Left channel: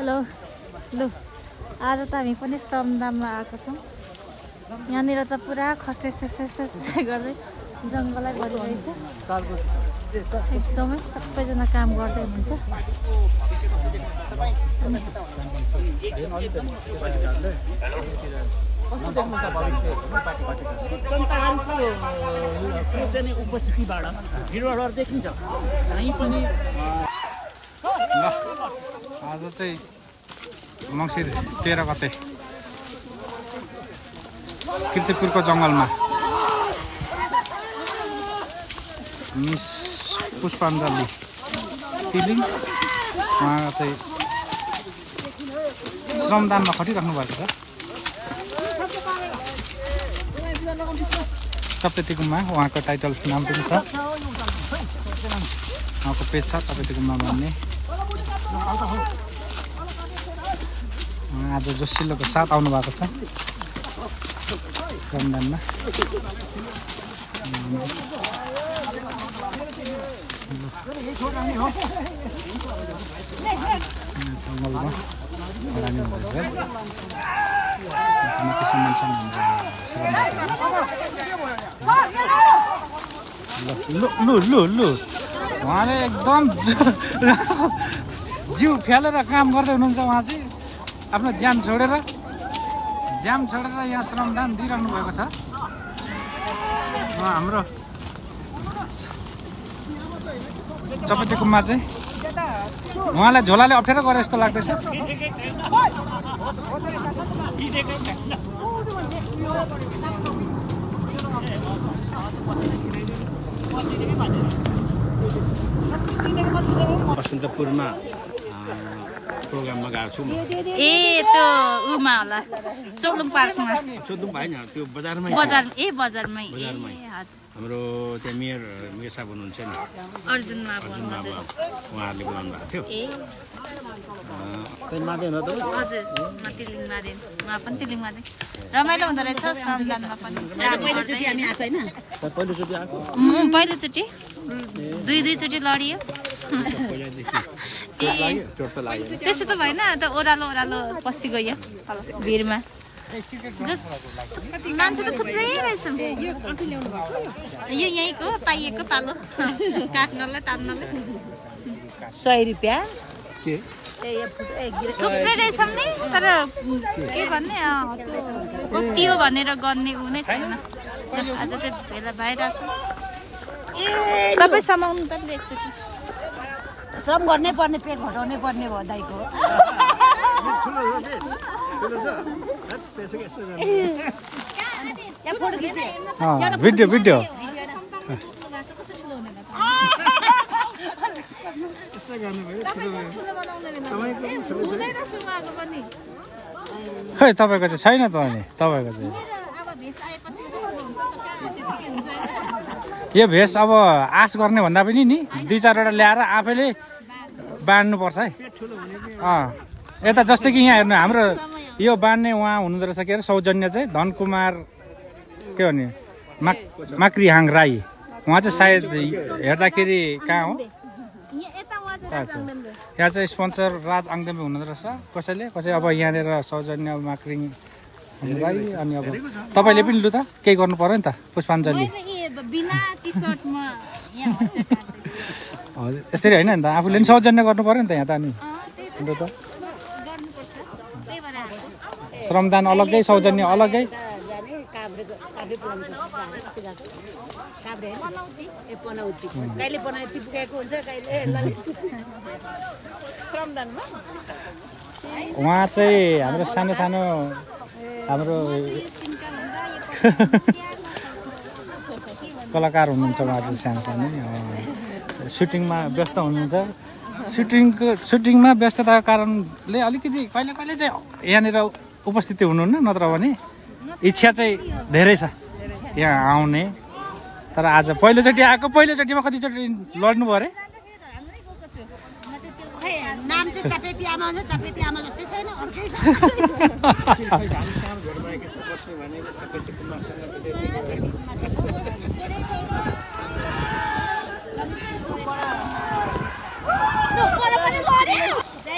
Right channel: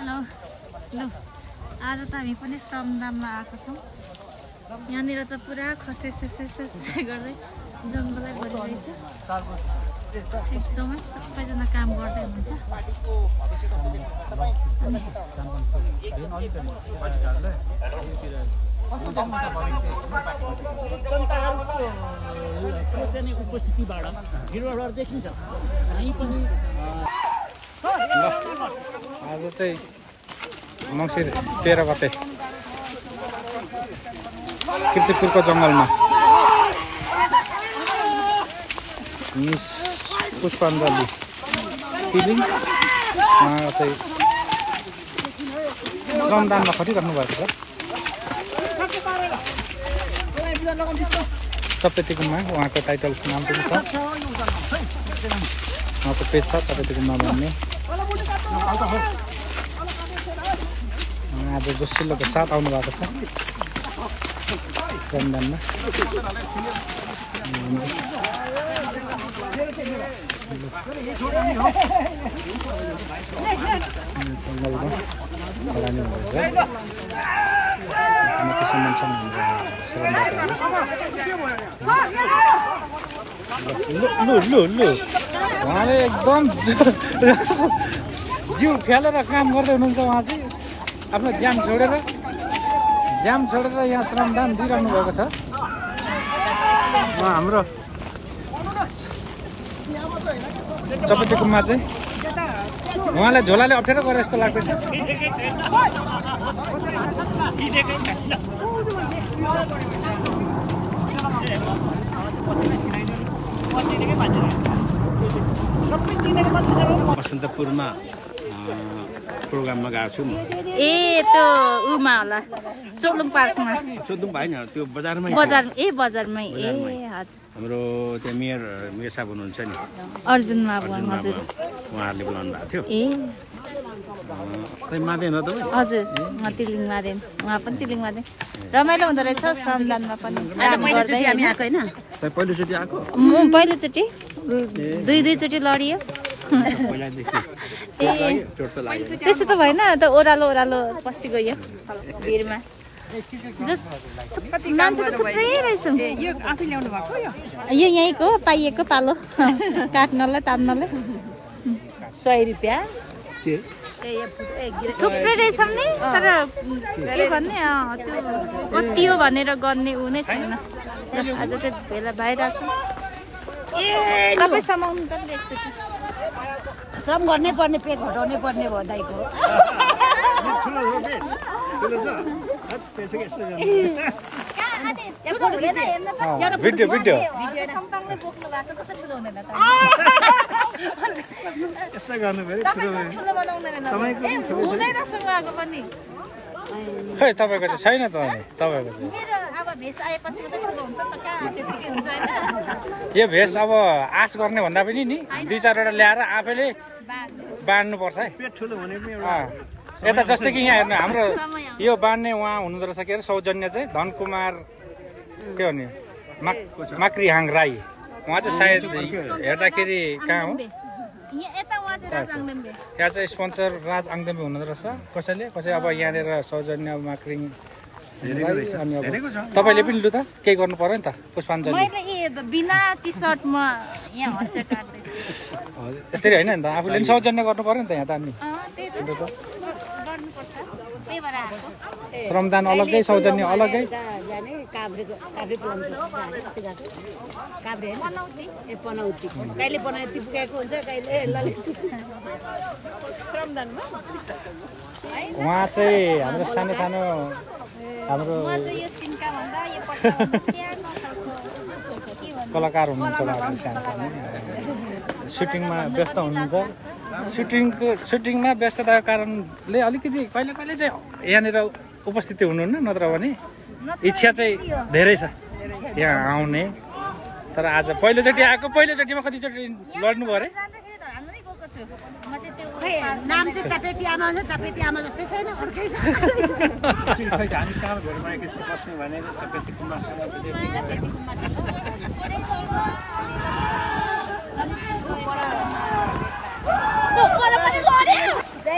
Hello लु आज त हामी पनि श्रमदानमा आएको छौँ। यहाँनिर त पुरा खसे गर्दै जङ्गलै भरिरहेछ। एकदमै सबैजना काम गर्दै हुनुहुन्छ। कस्तो देख्नुहुन्छ भविष्य जनताहरूको उपस्थितिबाट भिडभाडहरू देखिन्छ। आज चाहिँ मङ्सिर 13 गते किर्तिपुरको जङ्गलमा मिस पुष्पाञ्जली तिलिङ उहाँ चाहिँ श्रमदानमा खटिराख्नु भएको छ। चपेटी गुम्बा उहाँको टाइटल नाम पनि छ, उहाँको पेज छ चपेटी गुम्बा भन्ने। आज जोसिलोको साथ आउनु भएको छ श्रमदानमा। जङ्गलमा खडानी हुँदैछ। लु उहाँले एकदम जिउ फ्यालेर काम गर्दै हुनुहुन्छ। उहाँ चाहिँ आफ्नो ज्यान छोडेर यहाँ श्रमदान दिइरहनु भएको छ। उहाँ हाम्रो चपेटी गुम्बा चाहिँ उहाँलाई झोलाले अप्ठ्यारो गरे जस्तो लाग्दैछ। बसन्तपुरमा प्रोग्राममा गएको छु म। त्यो उमा होला चोलुङ पार्कमा। चोलुङ भएन, त्यो बजारमै। बजारमै हजुर। हाम्रो त्यहाँ मेयर साहब हुनुहुन्छ नि, अर्जुन बाबु उहाँहरूले बोलाउनु भएको थियो। हजुर म तिलिङ मादेन, उहाँ पनि तिलिङ मादेन। रमाइलो हुँदो रहेछ श्रमदानमा पनि काम गर्दै। हामी आएको होइन पहिलोचोटि, दुईचोटि लडियो। त्यसो त भएन, त ओह्रालो पसी गयो भिरमा। मान्छे त थुप्रै रहेछ। यो यहीँको पाइएको पालो काट्नलाई तान्नलाई 100 रुपियाँ थुप्रै रहेछ नि। तर के भन्ने त्यो भनेर गर्ने ऊ नै छैन। आज चाहिँ भेला भइरहेछ। तपाईँ समाउनु त एकचोटि श्रम गर्नै पर्ने, पेट घटाउनै पर्ने भयो दाइको। भिडियो खै तपाईँको चाहिँ छैन त। तपाईँको चाहिँ यो भेष अब आश गर्ने भन्दा पनि नि 2-4वटा ल्याएर आफैले बाँड्नुपर्छ है। यता जस्तै कि यहाँ हेर्नु हाम्रो यो बाँड्ने उहाँ हुनुहुँदो रहेछ के अरे सौजन्य चाहिँ धनकुमार के भन्ने माक्रिहाङ राई। उहाँ चाहिँ सायद हेर्दाखेरि कहाँ हो यहाँ चाहिँ स्पोन्सर राज आङदेमी हुनुहुँदो रहेछ कसै अब यहाँनिर सौजन्य माक्रिङ राई। अनि अब तपाईँले पनि लु त केही गर्नु पर्यो नि त पुष्पाञ्जली। यसरी होइन नि त, आफूले पनि सौजन्य गर्नु पर्यो नि त यहाँ त। अनि श्रमदान अलग्गै सौजन्य अलग्गै। उहाँ चाहिँ हाम्रो सानो हाम्रो कलाकार हुनुहुन्छ। उहाँहरू सानो सुटिङमा व्यस्त हुनुहुन्छ। सुटिङमा व्यस्तताको कारणले अलिकति कहिले चाहिँ यहाँनिर उपस्थिति हुनुहुन्न, नत्र भने इच्छा चाहिँ धेरै छ यहाँ आउने। तर आज पहिलोचोटिमा कतिचोटि लड्नु भयो अरे? नाम चाहिँ चपेटी आमा हो, चपेटी आमा जस्तै छैन अर्कै छ।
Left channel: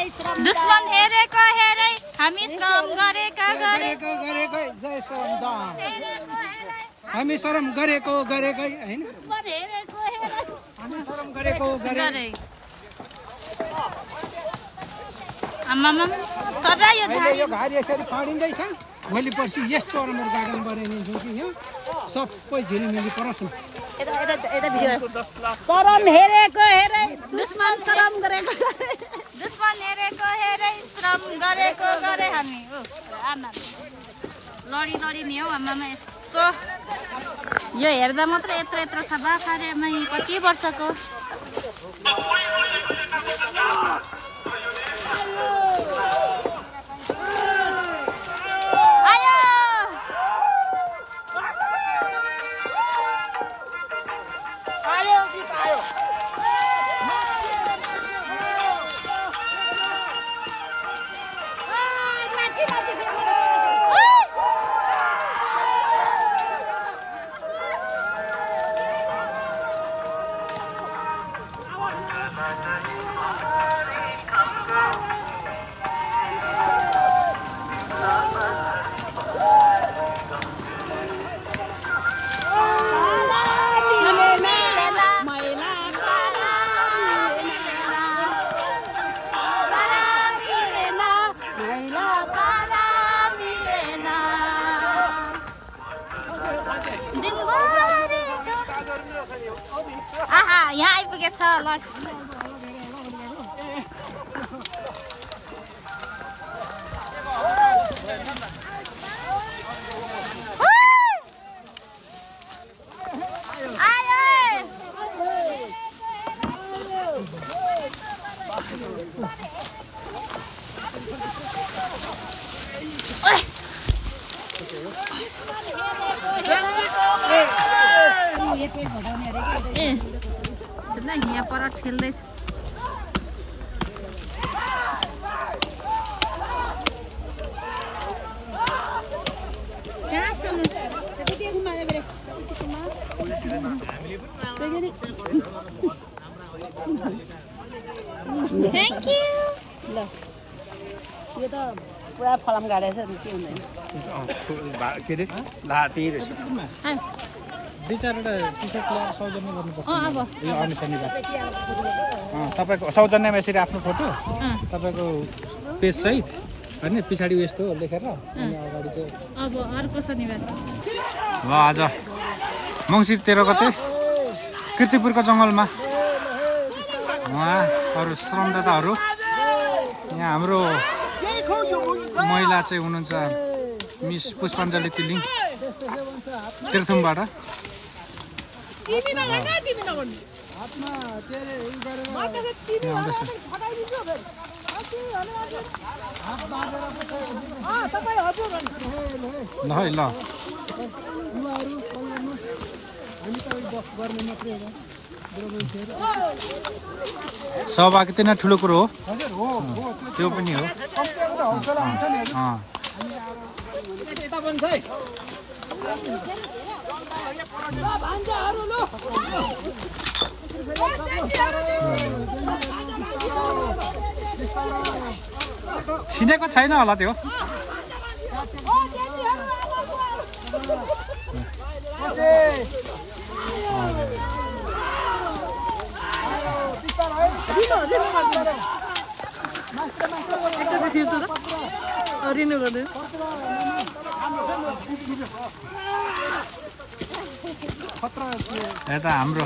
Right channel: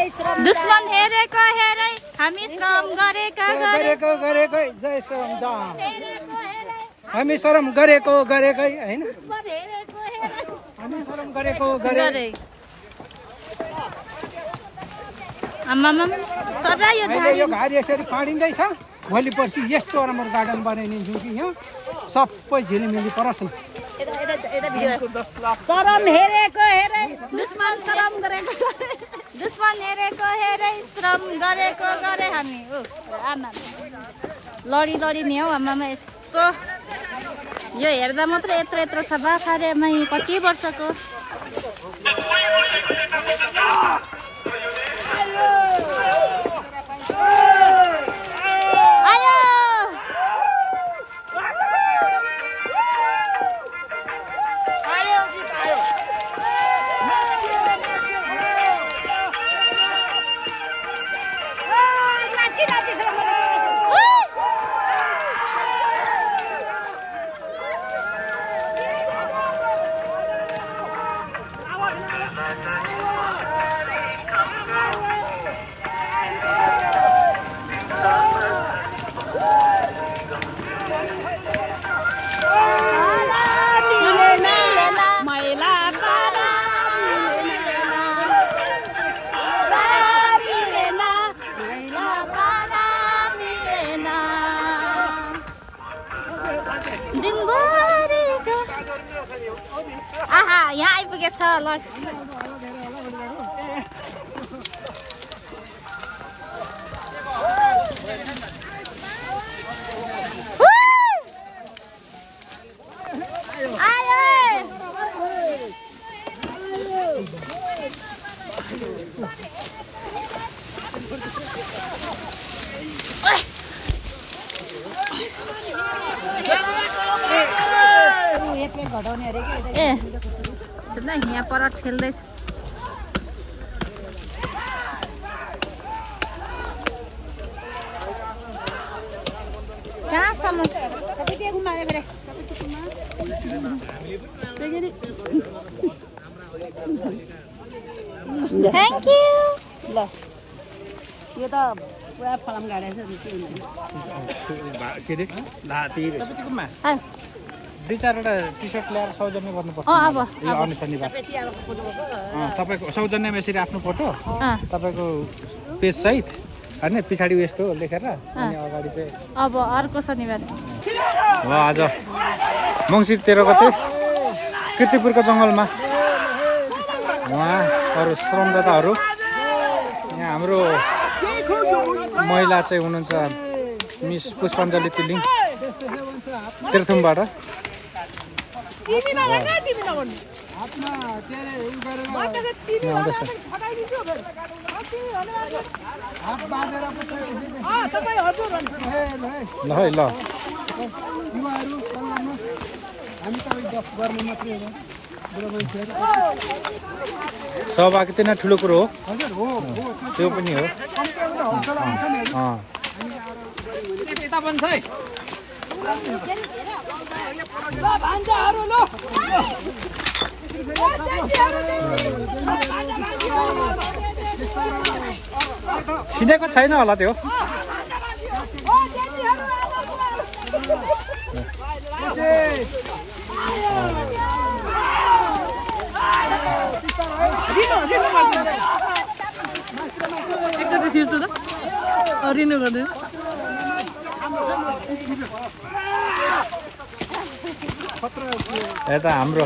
दुश्मन हेरेको हेरै हामी श्रम गरेका गरेकै जय श्रमदान हामी श्रम गरेकै हैन हामी श्रम गरे आमामा तर यो झाडी यसरी पढिँदैछ भोलि पर्सि यस्तो राम्रो गार्डन बनाइदिन्छु कि यहाँ सबै झिलिमिली परस् न परम हेरेको हेरै दुश्मन श्रम गरेको दुश्मन हेरेको हेरै श्रम गरेको गरे हामी आमा लडी नि हौ आमामा यस्तो यो हेर्दा मात्रै यत्रो छ बाखारेमा कति वर्षको आहा यहाँ आइपुगेछ ल यहाँ पर ठेल्दैछ कहाँसम्म थ्याङ्क यू ल यो त पुरा फलाम गाडेछ नि के अरे लाती दुई चारवटा टी सर्ट ल्याएर सौजन्य गर्नुपर्छ अब यो आउने शनिबार तपाईँको सौजन्यमा यसरी आफ्नो फोटो तपाईँको पेज सहित होइन पछाडि यस्तो लेखेर अनि अगाडि चाहिँ अब अर्को शनिबार ल आज मङ्सिर 13 गते कीर्तिपुरको जङ्गलमा उहाँ अरू श्रमदाताहरू यहाँ हाम्रो महिला चाहिँ हुनुहुन्छ मिस पुष्पाञ्जली तिलिङ तीर्थुमबाट यहाँ आउँदैछ ल है ल सहभागिता नै ठुलो कुरो हो त्यो पनि हो चिनेको छैन होला त्यो यता हाम्रो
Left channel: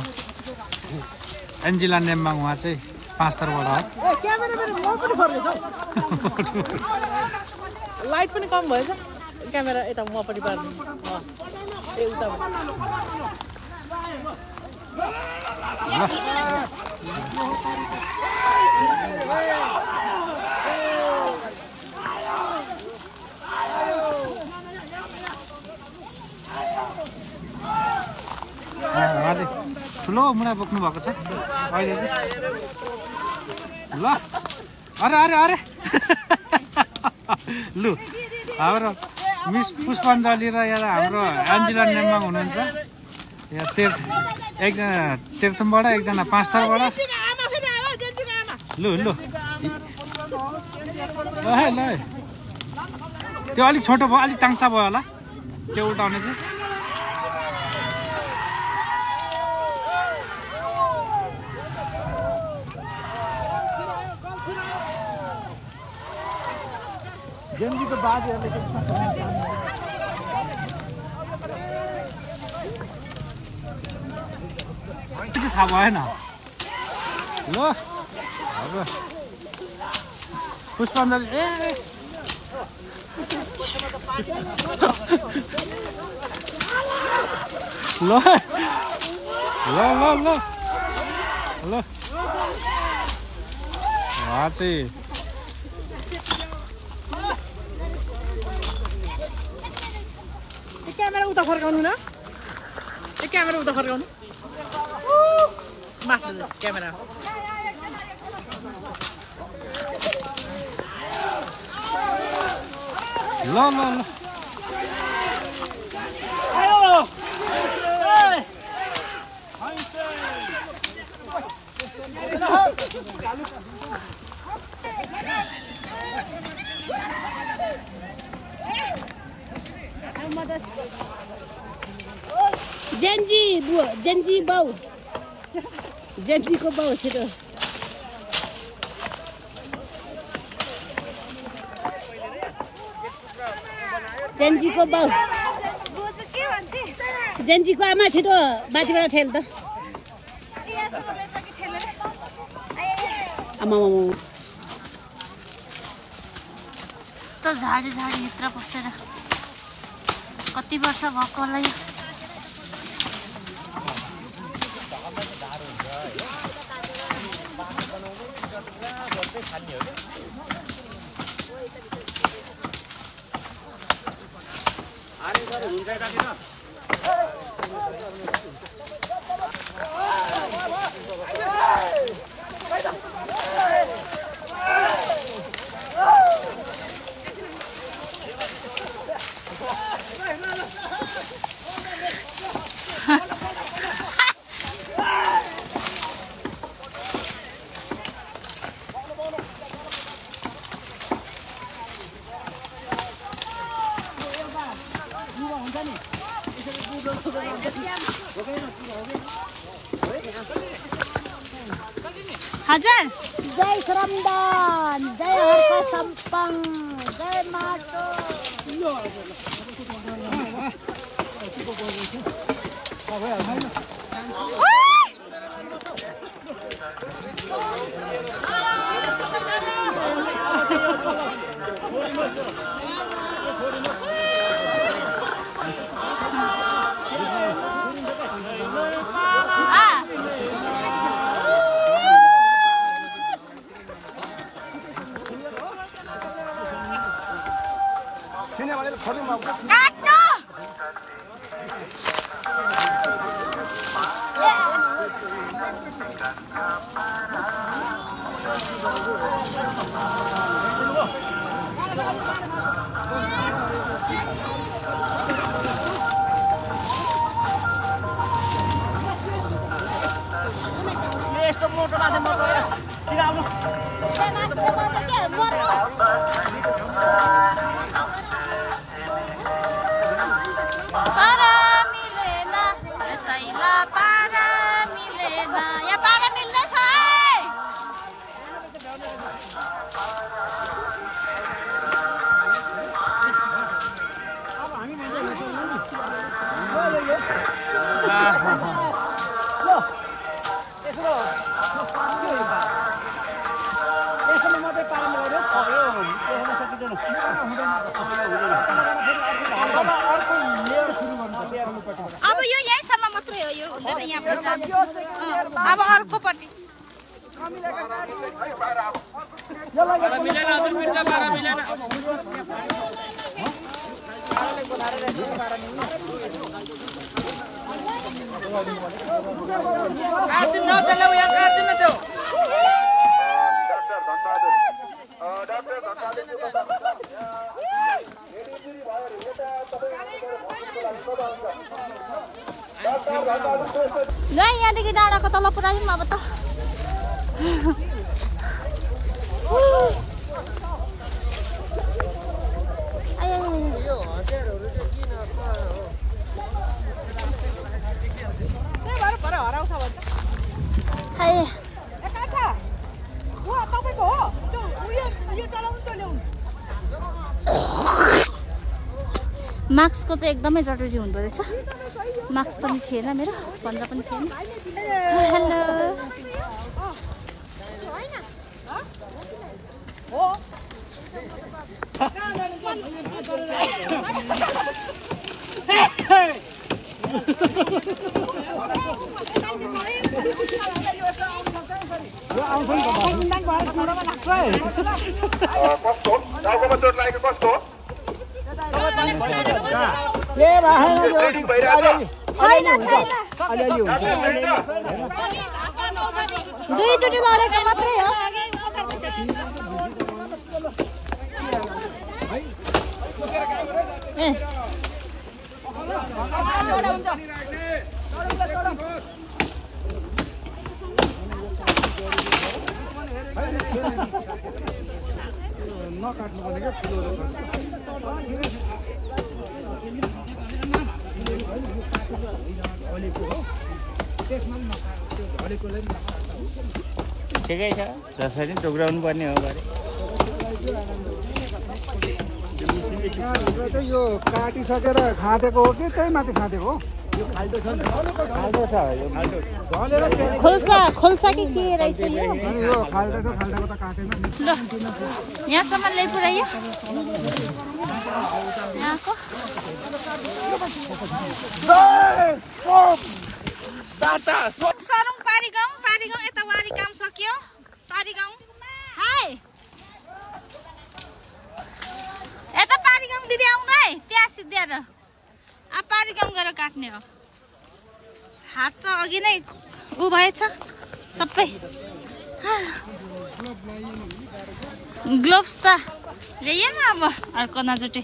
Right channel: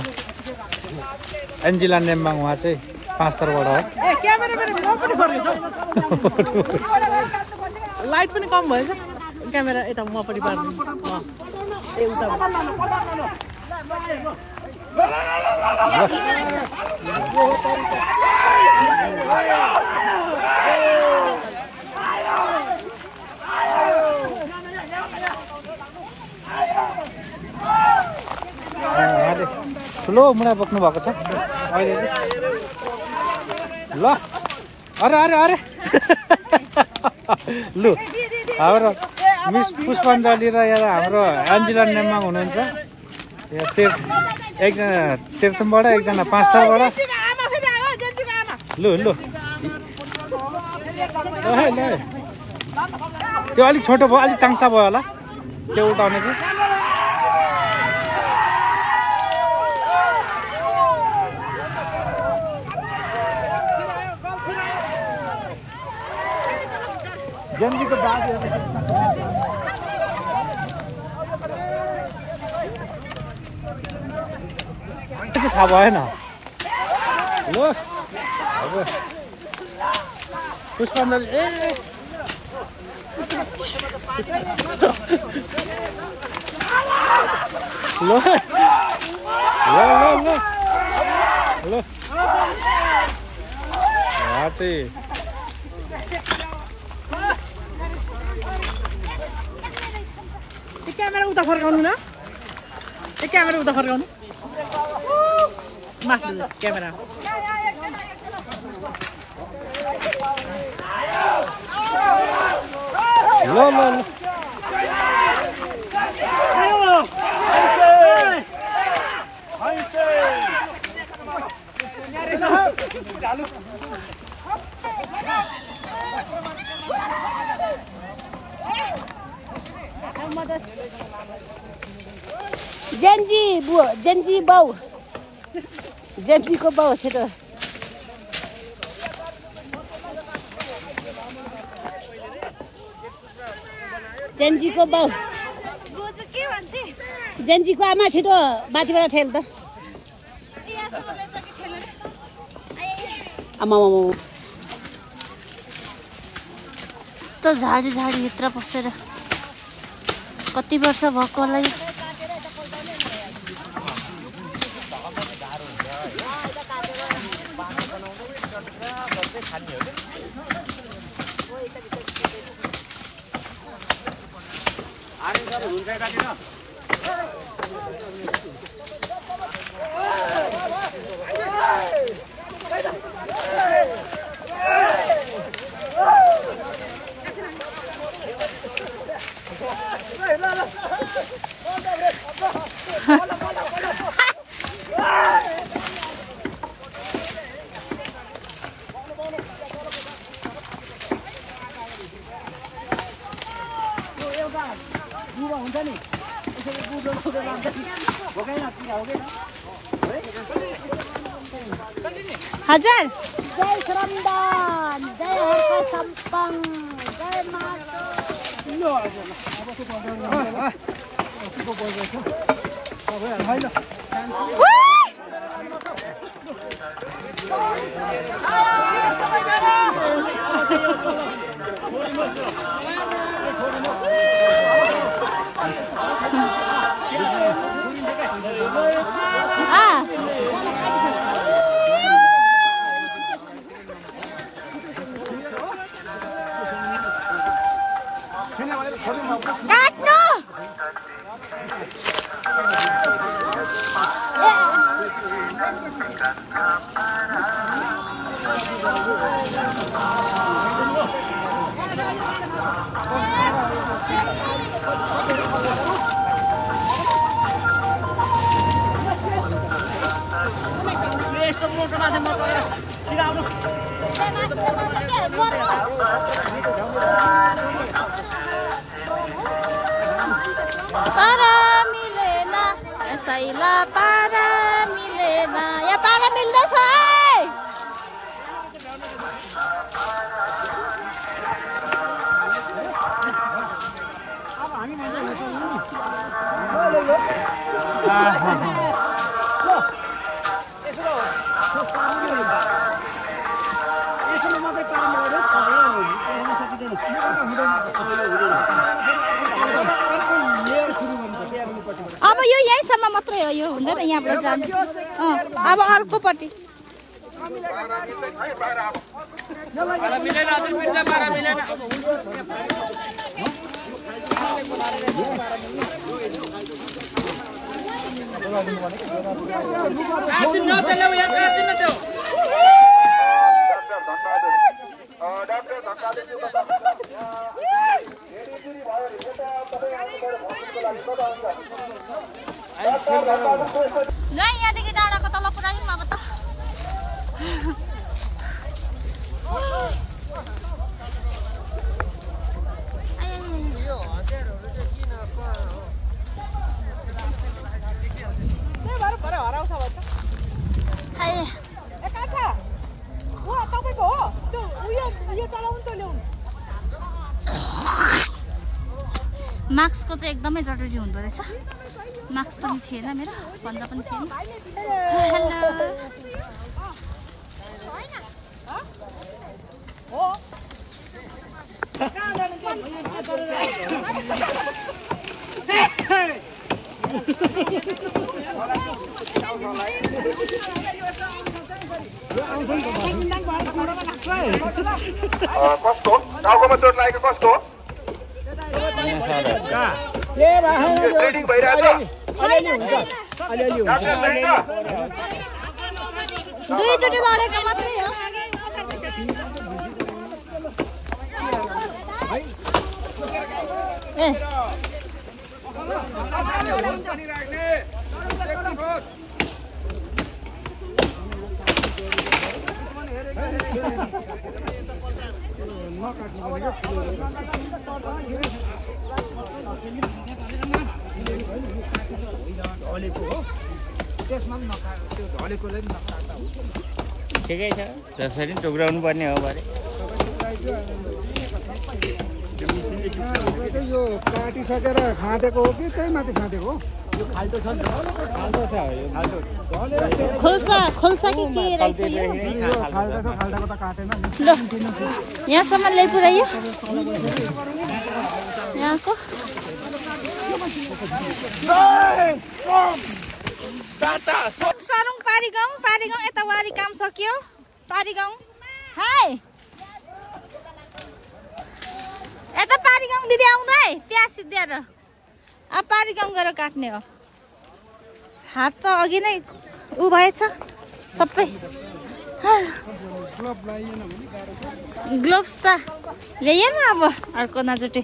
एन्जिला नेम्बाङ उहाँ चाहिँ 5 थरबाट हो लाइट पनि कम भएछ क्यामेरा यता मपट्टि पार्नु उहाँले ठुलो मुना बोक्नु भएको छ अहिले चाहिँ ल अरे अरे अरे लु हाम्रो मिस पुष्पाञ्जली र यहाँ हाम्रो एन्जिला नेम्बाङ हुनुहुन्छ यहाँ एकजना तीर्थुमबाट एकजना 5 थरबाट लु लु ल त्यो अलिक छोटो भयो अलिक टाङ्सा भयो होला त्यो उल्टाउने चाहिँ जन्जीको बाबु थाहा भएन ल अब पुष्पाञ्जली ए ल ल ल ल ल चाहिँ क्यामेरा उता फर्काउनु न क्यामेरा उता फर्काउनु माथि क्यामेरा ल ल ल जेन्जी बाउ जेन्जीको बाउ छिटो जेन्जीको बाउ जेन्जीको आमा छिटो बाटीबाट ठेल त आमा त झाडी भित्र पसेर कति वर्ष भएको होला यो हजुर जय श्रमदान जय हर्ष सम्पङ जय पारा मिलेन यसैला पारा मिलेन यहाँ पारा मिल्दैछ अब यो यहीँसम्म मात्रै हो यो हुँदैन यहाँबाट जानु अब अर्कोपट्टि ल यहाँदेखि डाँडाको तल पुऱ्यायौँ अब त मास्कको चाहिँ एकदमै जरुरी हुँदो रहेछ मास्क पनि थिएन मेरो पन्जा पनि थिएन हेलो कस्तो टाउकोमा चोट लागेको कस्तो ट्रेनिङ भइरहेछ दुईचोटि लडेको मात्रै हो ए नकाट्नु भनेको ठुलो ठिकै छ जसरी टोक्राउनु पर्ने हो बारे यो काटिसकेर खाँदेको हो कि त्यही माथि खाँदेको हो यो खाल्टो छ नि खाल्टो छ यो खोल्सा खोल्सा कि के रहेछ यो खाल्टो खाल्टाको त काटेन ल यहाँसम्म ल्याइपुर्यायो यहाँको सरङ पारीगाउँ यता वारी काम सक्यो पारीगाउँ हाय यता पारीगाउँ दिदी आउनु है त्यहाँ सिद्ध्याएर अब पारीगाउँ गएर काट्ने हो हात त अघि नै उ भएछ सबै ग्लोभ्स त ल्याइएन अब अर्को नजुटे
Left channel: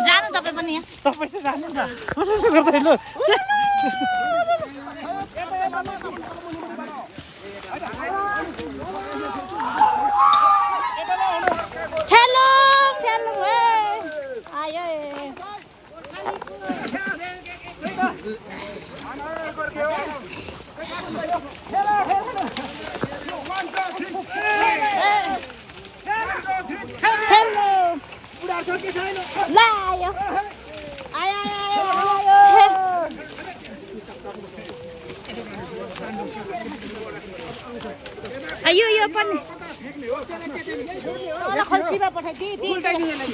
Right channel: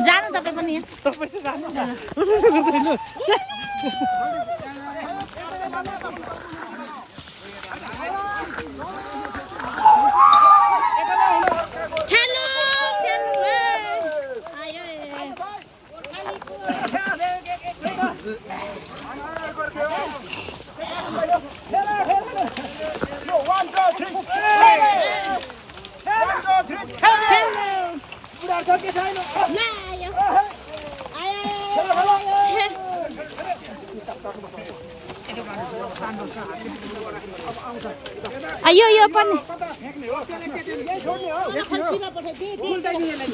जानु तपाईँ पनि यहाँ ठेलो ठेलो आयो आयो यो पनि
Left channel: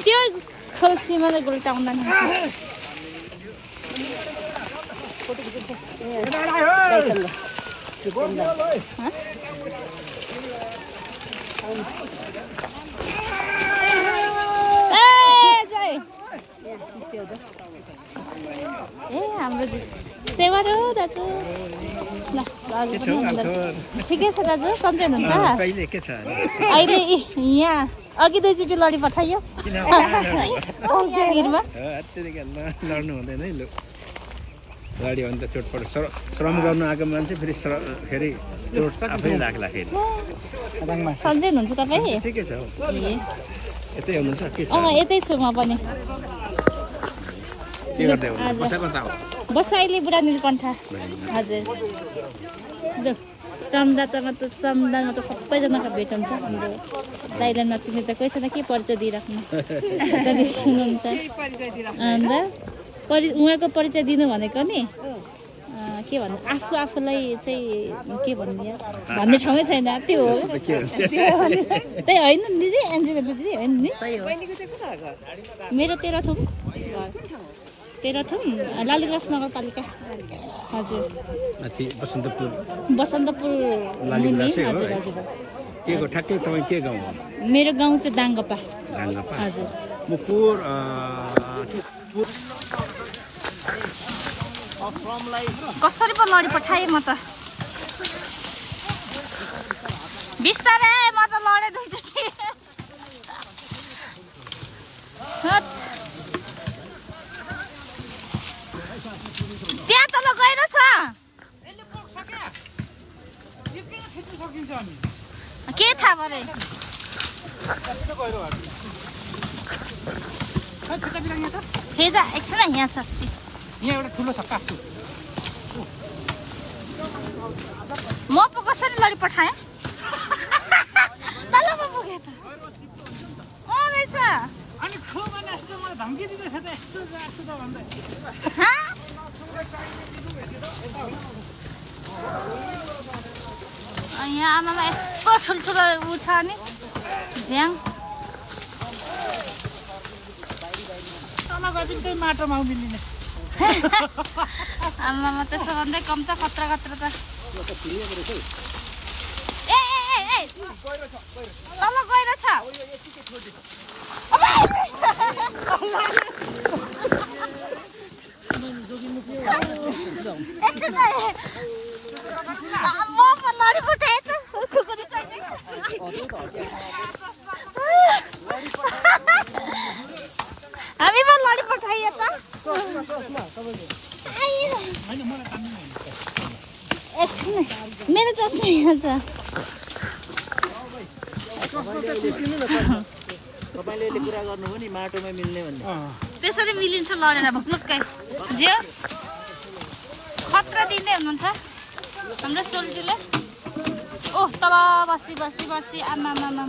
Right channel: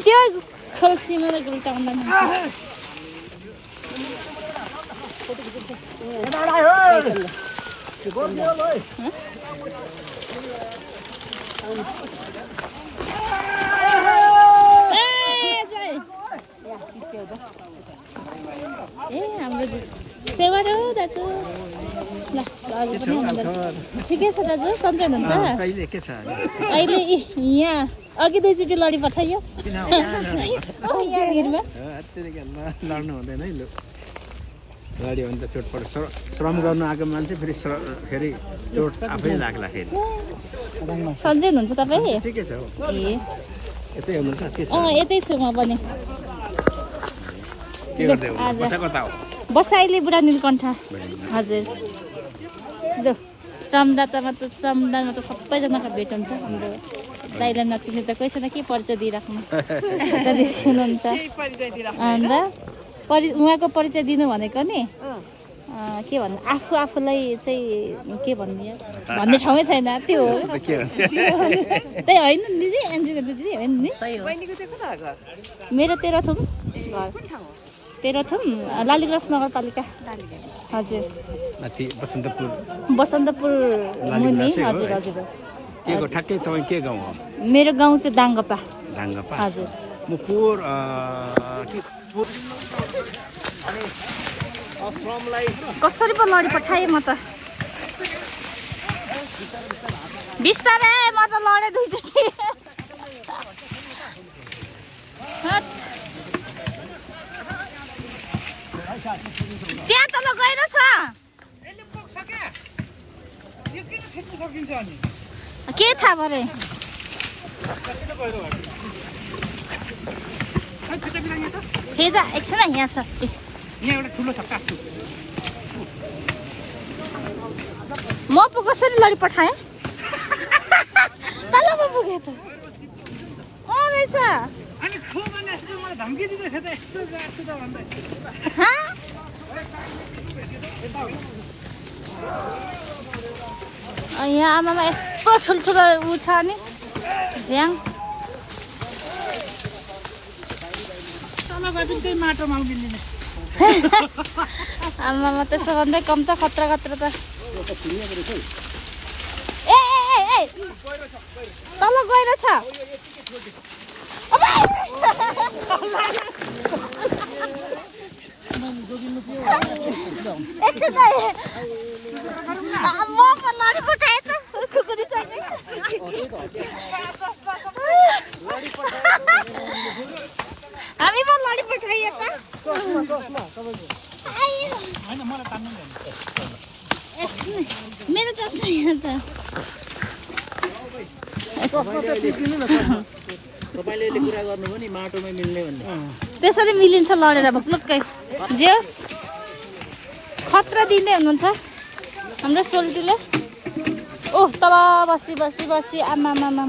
त्यो खल्सीमा चाहिँ गुल्टाउँदैन ए हाम्रो सेवा हो दाजु ल ठिकै छ दाजु सन्चै हुनुहुन्छ अहिले यहाँ अघि दुईचोटि लडी पठाइयो लड्नु हुँदैन है लु लड्यो भने त चोटपट श्रम गर्नु आएको मान्छे फेरि चोट आफै लाग्दाखेरि सन्चै हुनुहुन्छ तपाईँ ठिकै छ यतै हुनुहुन्छ के छ यतै छु म पनि के गर्दै हुनुहुन्छ बसा कता हो बसा अहिले बुढा नीलकण्ठ हजुर ल श्रमदातामा त सबैजनाको भेट हुन्छ हाम्रो दाइलाई नचिने त कोही छैन के परिचय दिइराख्नु हुनुहुन्छ अन्त उहाँको परिचय दिनु भनेको नि के भन्नु आफूलाई चाहिँ के भन्ने भन्ने ठाउँै छैन त्यो हो त्यही होइन दिदी एन्जिको दिदी होइन नि मेरो तेह्रथुम लालीगुराँस नगरपालिका हजुर बसन्तपुर हजुर हजुर के को ठ्याक्कै तपाईँ के गाउँ हो मेरो गाउँ चाहिँ दाङ्गपा हजुर म कसरी पो लडी पठाएँ म त बिस्तारै म त लडेँ दुईचोटि त्यहाँ तल गएर छ के थाहा भने फेजा एकछिन यहाँ छ यहाँ एउटा ठुलो छ काठको म पो कसरी लडी पठाएँ तल पो पुगे त रहेछ अनि खो भने यस्तो मलाई धम्की दिँदैछ त यस्तो गएको त भन्दै यहाँ आमामा यस्तो ठुल्ठुलो ऊ छ नि झ्याङ तल गएपछि त्यही माटोमा उभिलिने आमामा त्यसो भन्दै कम त खतरा खतरा त ए तल गएर छ म पो लडी पठाएँ त खुकुरी चाहिने हामी पो लडी पठाइए त मेरो चस्मा यहाँ छ तपाईँले कुरा गर्नुभयो नि माटोमा मिल्ने भन्ने त्यसरी मिलिन्छ लडेर भुक्लुक्कै जे होस् खतरा दिँदै हुनुहुन्छ हाम्रो सोल्टीले ओह तल बसी बसी बसी आमामामा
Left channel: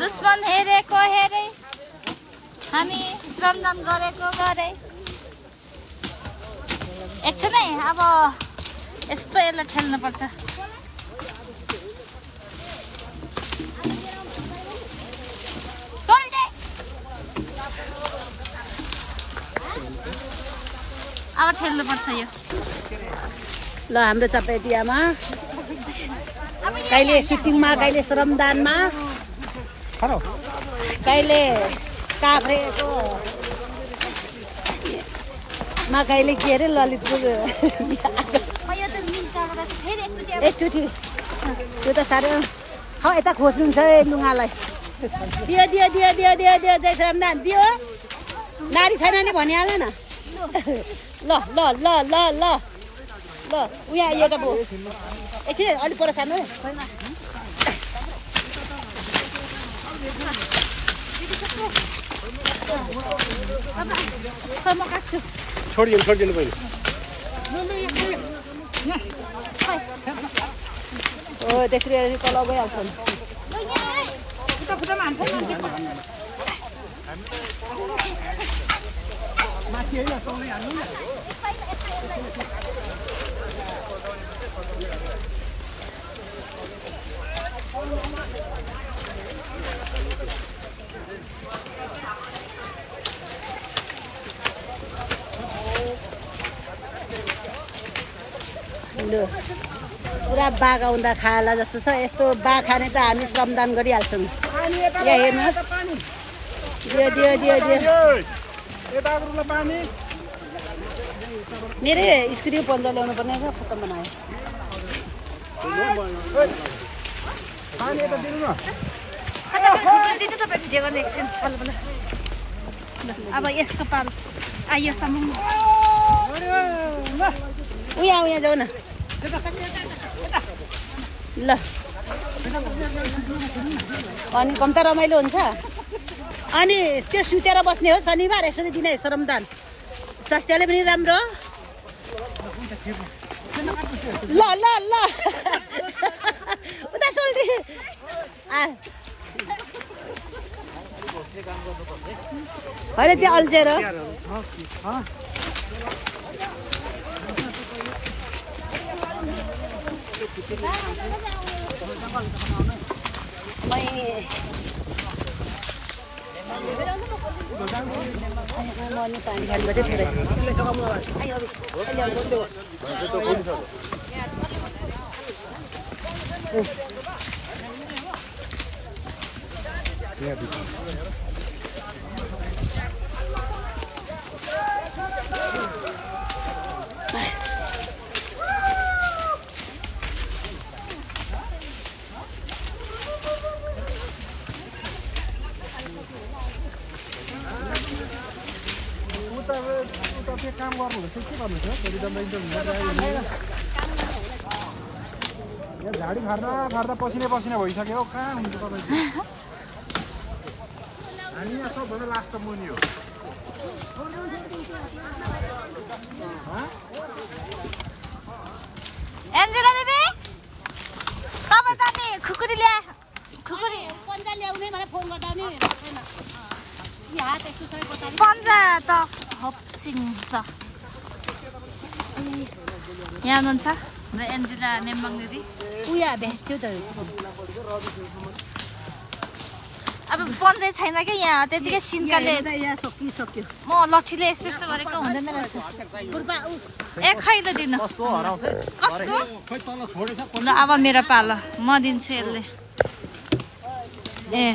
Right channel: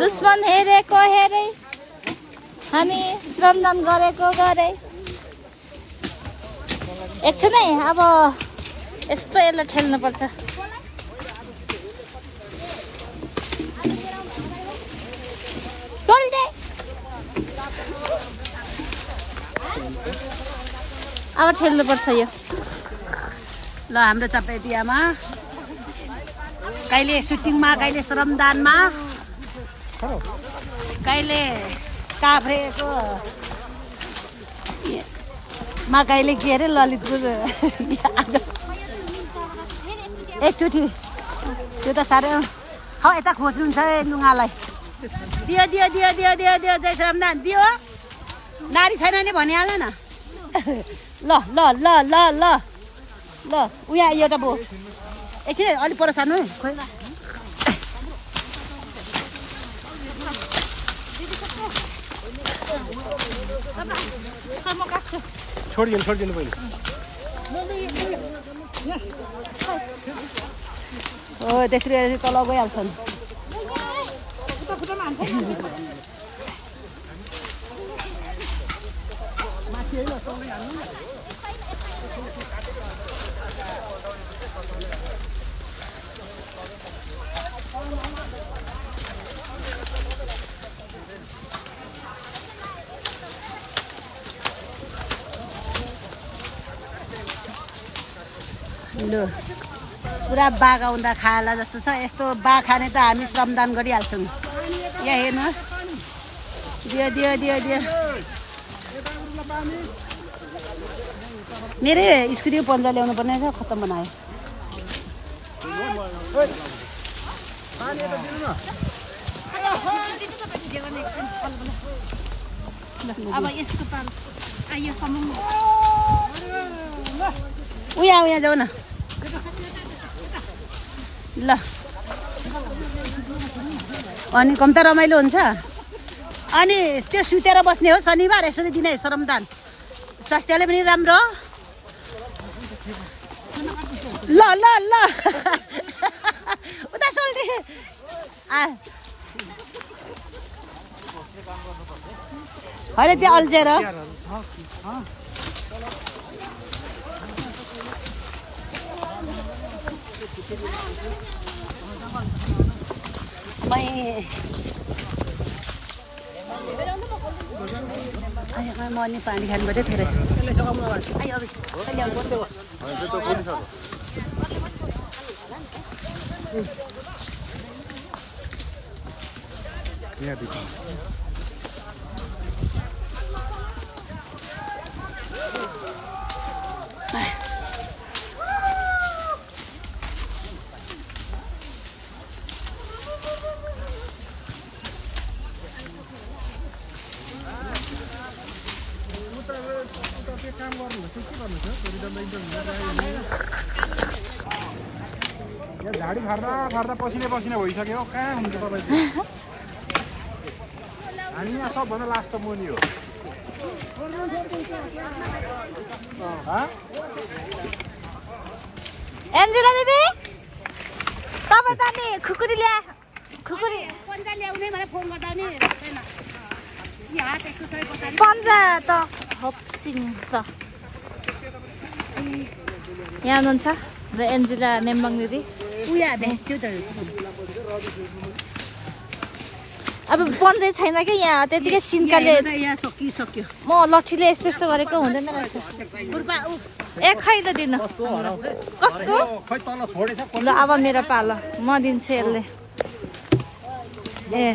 दुश्मन हेरेको हेरे हामी श्रमदान गरेको गरे एकछिन है अब यस्तो यसलाई ठेल्नुपर्छ सोल्टे अब ठेल्नुपर्छ यो ल हाम्रो चपेटियामा कहिले सुटिङमा कहिले श्रमदानमा कहिले काभ्रेको मा कहिले के अरे ललितपुर एकचोटि त्यो त साह्रै हौ यता खोज्नुहुन्छ है लुगालाई दियो दियो दियो दियो दियो दियो जय श्रमदान दियो नारी छैन नि भनिहाल्नु न ल ल ल ल ल ल उहाँ एउटा भयो एकछिन अलिक पर सार्नु म काट्छु छोडिदिनु पहिले हो त्यसरी तल गइहाल्छ नि लु पुरा बाघ आउँदा खाला जस्तो छ यस्तो बाघ खाने त हामी श्रमदान गरिहाल्छौँ यहाँ हेर्नुहोस् दियो दियो दियो दियो मेरै स्कुटी पन्जा ल्याउनु पर्ने छ खत्तम बनायो अब यसको पाल आइयोसम्म उहाँ उहाँ जाऊ न ल अनि कम त रमाइलो हुन्छ अनि त्यो सुतेर बस्ने हो शनिबार यसरी दिने श्रमदान स्वास्थ्यले पनि राम्रो ल ल ल उता सोल्टी अरे त्यो अल्झेर म पानी खानु पऱ्यो थोरै काम गर्नुहुन्छ के गर्नुहुन्छ यो झाडी खार्दा पसिने भइसक्यो कहाँ हुन्छ तपाईँ हामी यहाँ सबभन्दा लास्ट मुनि हो एन्जेला दिदी तपाईँ त नि खुकुरी ल्याउने मलाई फोन गर्दा नि राख्दैन पन्जा त हप्सिङ त यहाँ हुनुहुन्छ र एन्जेला नेम्बाङ दिदी अब पन्जै छैन कि यहाँ त्यतिकै सिन्काले सकिसक्यो म लट्ठीले यस्तो गरेको हुँदैन रहेछ ए खै त दिनु कसको ल अब मेरो पालो म दिन्छु यसले ए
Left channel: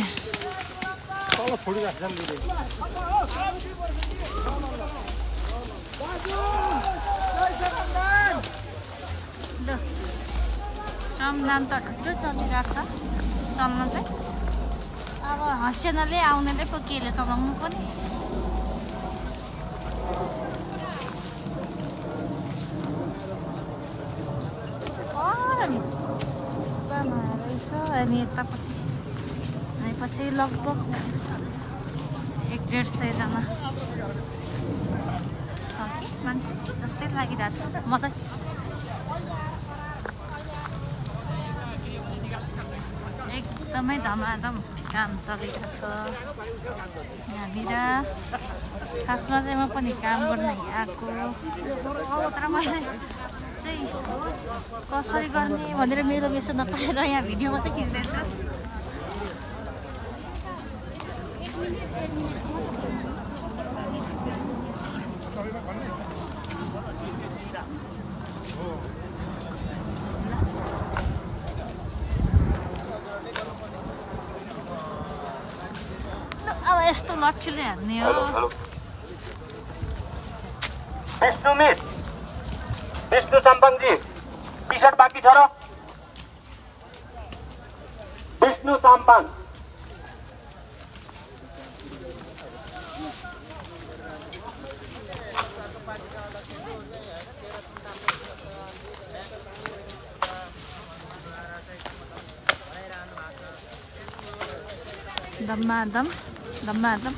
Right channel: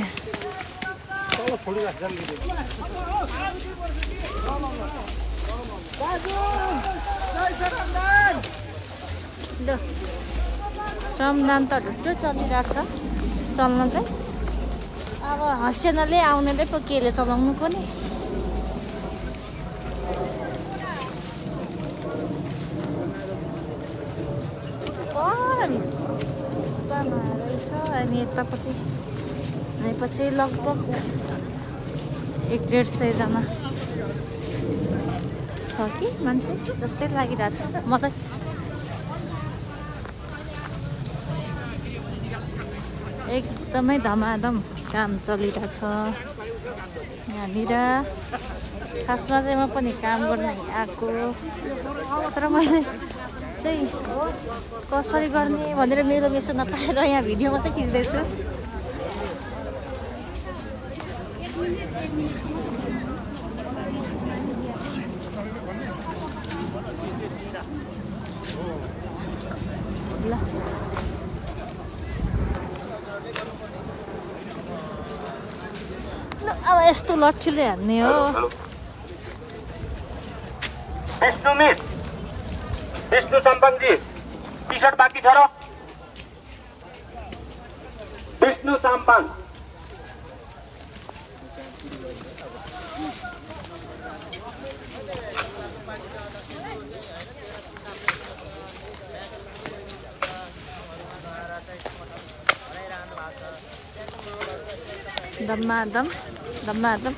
ल श्रमदान त ढुट्टो चलिरहेछ चल्न चाहिँ अब हस्यनाले आउनेले पो केले चलाउनु को नि रहेछ अनि यतापट्टि पछि लगभग 100-150 जना छ कि मान्छे जस्तै लागिरहेछ मलाई एकदमै धमाधम काम चलिरहेछ यहाँनिर खासमा चाहिँ म पनि काम गर्न आएको तर मैले चाहिँ कसरी गर्ने भनेर मेरो मेसो नपाएर यहाँ भिडियो मात्रै खिच्दैछु अब यस्तो लट्ठीले हान्ने हो विष्णु सम्पङजी टी सर्ट बाँकी छ र विष्णु साम्पाङ दम्मादम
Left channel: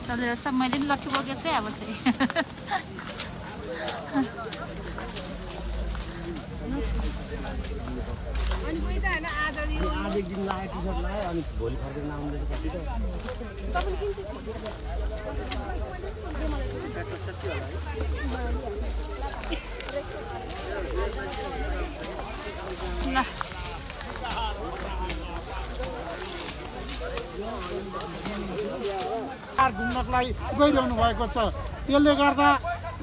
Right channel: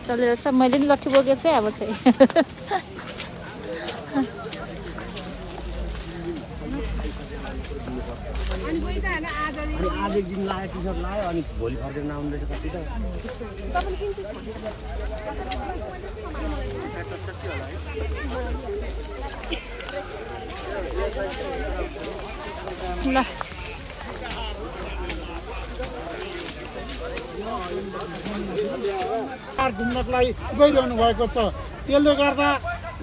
चलिरहेछ मैले पनि लट्ठी बोकेको छु अब चाहिँ आज एक दिन लायो टी सर्ट लायो अनि भोलि फर्केर नआउँदैछ कति ल घुम्नलाई गइरहनु भएको छ त्यसले गर्दा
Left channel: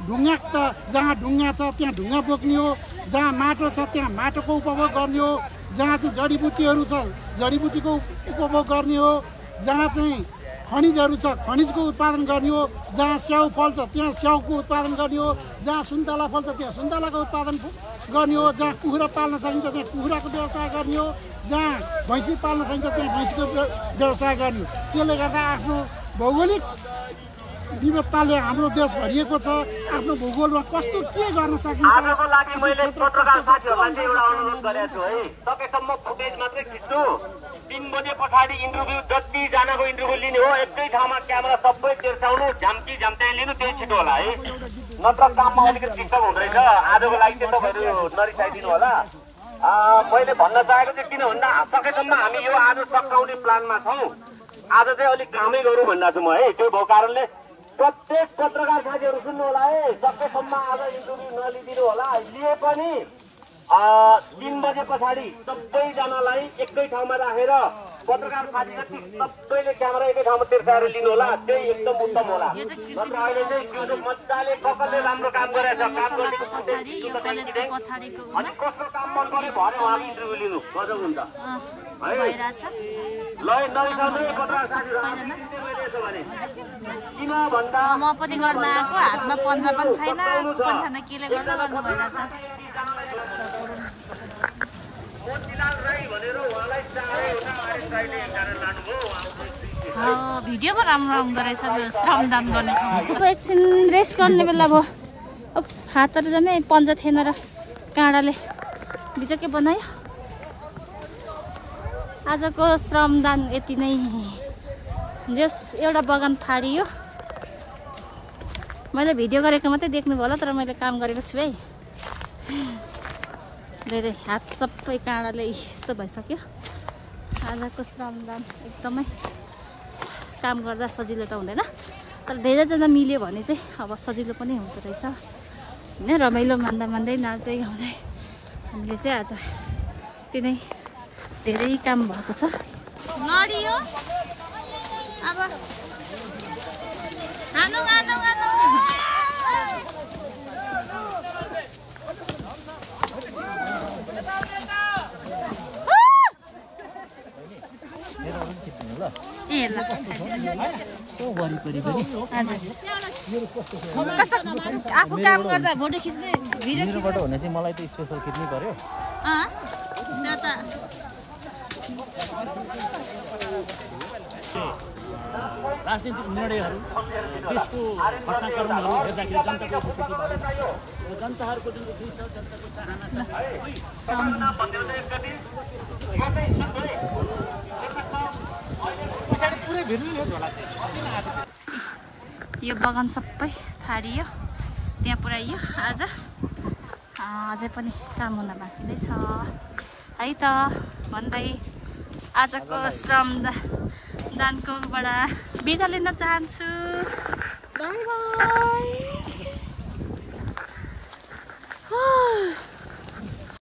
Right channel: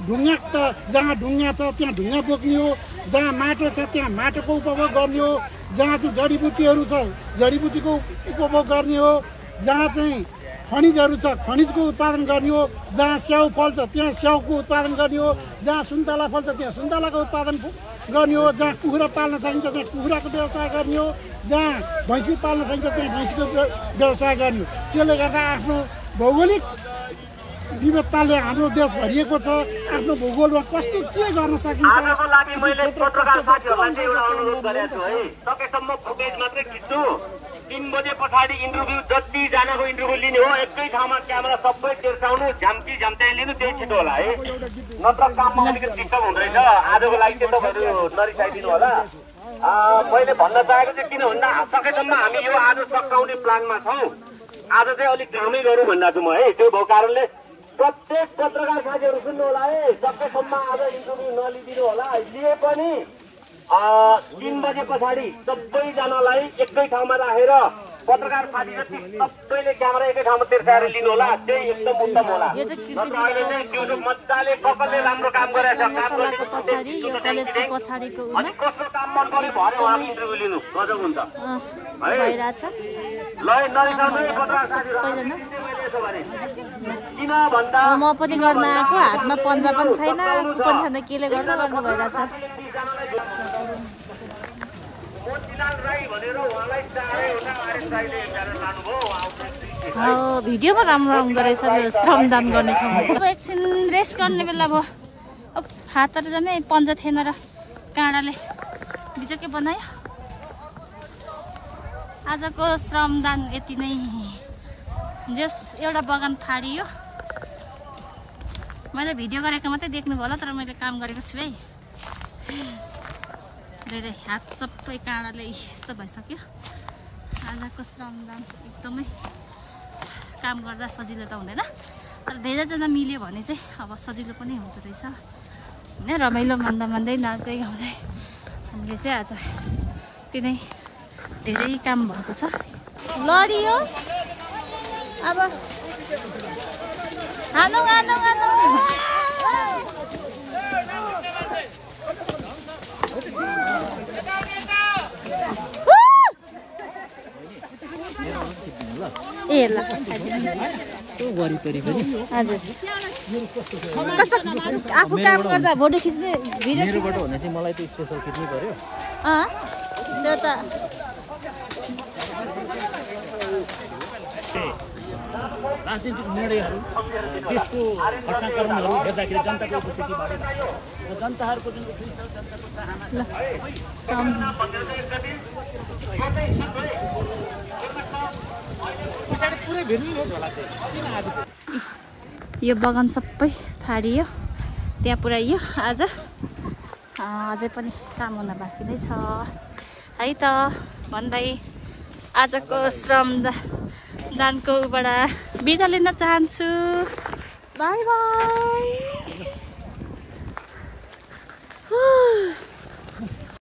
ढुङ्गा त जहाँ ढुङ्गा छ त्यहाँ ढुङ्गा बोक्ने हो जहाँ माटो छ त्यहाँ माटोको उपभोग गर्ने हो जहाँ चाहिँ जडीबुटीहरू छ जडीबुटीको उपभोग गर्ने हो जहाँ चाहिँ खनिजहरू छ खनिजको उत्पादन गर्ने हो जहाँ स्याउ फल्छ त्यहाँ स्याउको उत्पादन गर्ने हो जहाँ सुन्तला फल्छ त्यहाँ सुन्तलाको उत्पादन गर्ने हो जहाँ कुखुरा पाल्न सकिन्छ त्यहाँ कुखुराको व्यवसाय गर्ने हो जहाँ भैँसी पाल्न सकिन्छ त्यहाँ भैँसीको व्यवसाय गर्ने हो त्यसले गर्दा आफ्नो भौगोलिक विविधताले हाम्रो देश भरिएको छ आफ्नो भूगोलमा कस्तो के गर्न सकिन्छ सकेसम्म फुटेज मात्रै खिच्नु 3 बजे पछाडि इन्टरभ्यू जतिजनाको इन्टरभ्यू लिने हो एकै ठाउँमा क्यामेरा सबै तेर्साउनु झम्क्याइ लिनु त्यही छिटो होला है नत्र काममा अलिकति डिस्टर्ब हुँदैन आजको लागि चाहिँ तपाईँहरू नरिसाइदिनु होला मैले भन्न चाहेको चाहिँ किन भन्दा सकेसम्म हामी यो आज सकाउने प्लानमा छौँ आज चाहिँ अलिक कामै गरौँ भन्दा छु म है त्यो भएको कारणले प्रत्येक पत्रकार साथीहरू सुन्नु होला है सकेसम्म आज इन्टरभ्यू नलिदिनु होला लिए पनि 3 बजे पछाडि सबैजनालाई एकै ठाउँमा राखेर पत्रकार साथी जति सबैले क्यामेरा एकै ठाउँमा तेर्साएर लिनु होला त्यही एकदम उत्तम होला मजाले कसले राम्रो काम गरेछ मसलाको पछाडि यो कलेजको पछाडिको उमा कसको काम मन पऱ्यो भरे इन्टरभ्यू लिनु मजा हुन्छ भइरहेछ सबैजना म पनि गर्न आएको हातमा पन्जा पनि छैन कुपन छैन केले गर्दा गर्नु भइरहेछ भिडियोमा राम्रो आउँदो रहेछ श्रमदान गर्ने ठाउँमा एकछिन रेस्ट गर्ने बेला भयो हातहरू झनै पन्जा थिएन र काँडाले बिजोकै बनायो। आजको श्रमदान यति नै। जस एउटा बगान फाडियो। मैले भिडियो गरेको मात्रै देख्नु भयो होला, तर मैले काम गरेको छु है। धेरै हात सबै काँडाले यस्तो भइसक्यो। आजको श्रमदान एकदमै काम गर्दा सजिलो त हुँदैन, तर धेरैजना मिल्यो भने चाहिँ अब सजिलो पनि हुँदो रहेछ होइन। रमाइलो मान्दा मान्दै नाच्दै गाउँदै हामीले चाहिँ आज तिनै धेरै काम भएको छ। लडियो अब हानु हानु हानु। ए ल हजुर कस्तो आफू काम गर्दा फोटो खिच्ने भिडियो मेरोबाट हुने चाहिँ मलाई त स्पेसल खिच्नै पर्यो। त्यो त राजनीतिक निर्णयहरू देशको घटनाक्रमहरू हेर्दाखेरि जनताको उपस्थिति बढेर जनताहरूको यो बगान सबै फाडियो, त्यहाँ पुऱ्याइयो। आज अझै पनि काम हुन बाँकी नै छ है त भन्दै आजको श्रमदानको बाट बिदा लिन चाहन्छु। By by.